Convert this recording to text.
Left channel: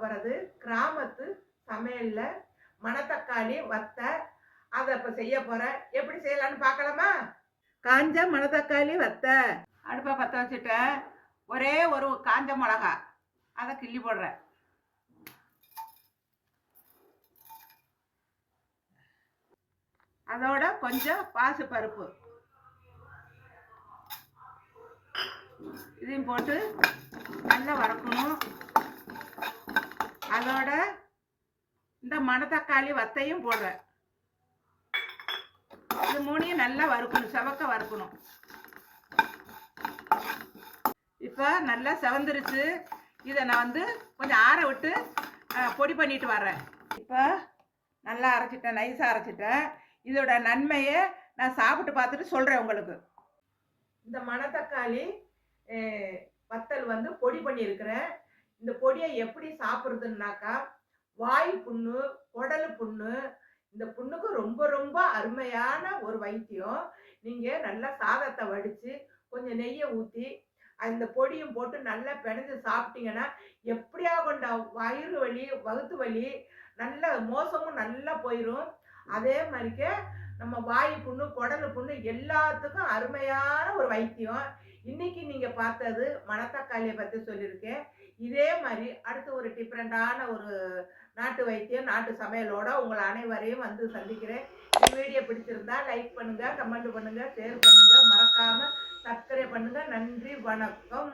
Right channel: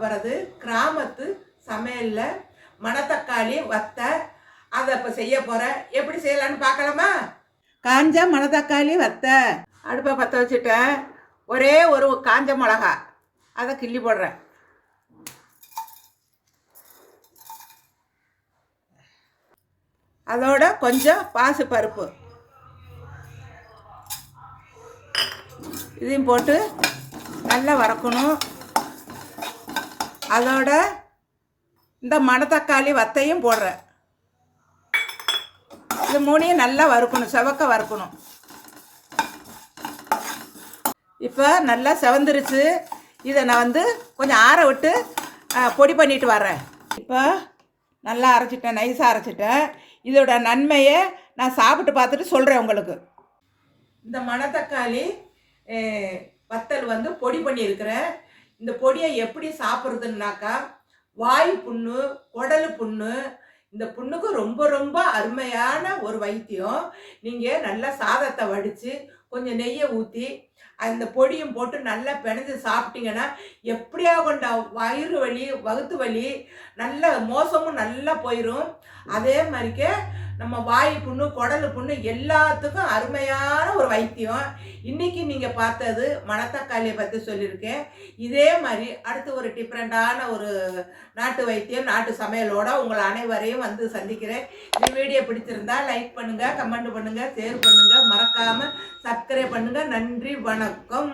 போகிறது கிராமத்து சமையலில் மணத்தக்காளி வத்தை அதை இப்போ செய்ய போகிறேன் எப்படி செய்யலான்னு பார்க்கலாமா? காஞ்ச மணத்தக்காளி வத்தை. அடுப்பை பற்ற வச்சுட்டேன். ஒரே ஒரு காஞ்ச மிளகா. அதை கிள்ளி போடுறேன். அதோட கொஞ்சம் பாசு பருப்பு இதையும் போட்டு நல்லா வறக்கணும். அதோட இந்த மணத்தக்காளி வத்தையும் போடுறேன். இது மூணையும் நல்லா வறுக்கணும் செவக்க வறுக்கணும். இப்போ நல்லா செவந்துருச்சு. இதை நான் வந்து கொஞ்சம் ஆற விட்டு பொடி பண்ணிட்டு வர்றேன். இப்போ நல்லா அரைச்சிட்டேன் நைஸாக அரைச்சிட்டேன். இதோட நன்மையை நான் சாப்பிட்டு பார்த்துட்டு சொல்கிறேன் உங்களுக்கு. இந்த மணத்தக்காளி வத்தல் வந்து பொடி பண்ணியிருக்கிறேன். இந்த பொடியை எப்படி சாப்பிட்றதுன்னாக்கா வாய் புண்ணு குடல் புண்ணு இந்த புண்ணுக்கு ரொம்ப ரொம்ப அருமையான ஒரு வைத்தியம். நீங்கள் நல்லா சாதத்தை வடித்து கொஞ்சம் நெய்யை ஊற்றி அந்த பொடியும் போட்டு நல்லா பிணைஞ்சு சாப்பிட்டீங்கன்னா எப்படியா கொண்ட வயிறு வலி வகுத்து வலி நல்ல மோசமும் நல்லா போயிடும் அதே மாதிரிக்கே நம்ம வாய் புண்ணு குடல் புண்ணு எல்லாத்துக்கும் அருமையான ஒரு வைத்தியம். இன்றைக்கி நீங்கள் பார்த்தது மணத்தக்காளியை பற்றி சொல்லியிருக்கேன். இதே மாதிரி அடுத்து ஒரு டிஃப்ரெண்ட்டான ஒரு நாட்டு வைத்தியம் நாட்டு சமையலோட உங்களை அனைவரையும் வந்து சந்திக்கிறேன். இந்த வீடியோ பிடிச்சிருந்தா லைக் பண்ணுங்கள் கமெண்ட் பண்ணுங்கள் ஷேர் பண்ணுங்கள் மறக்காமல் சப்ஸ்கிரைப் பண்ணுங்கள் நன்றி வணக்கம்.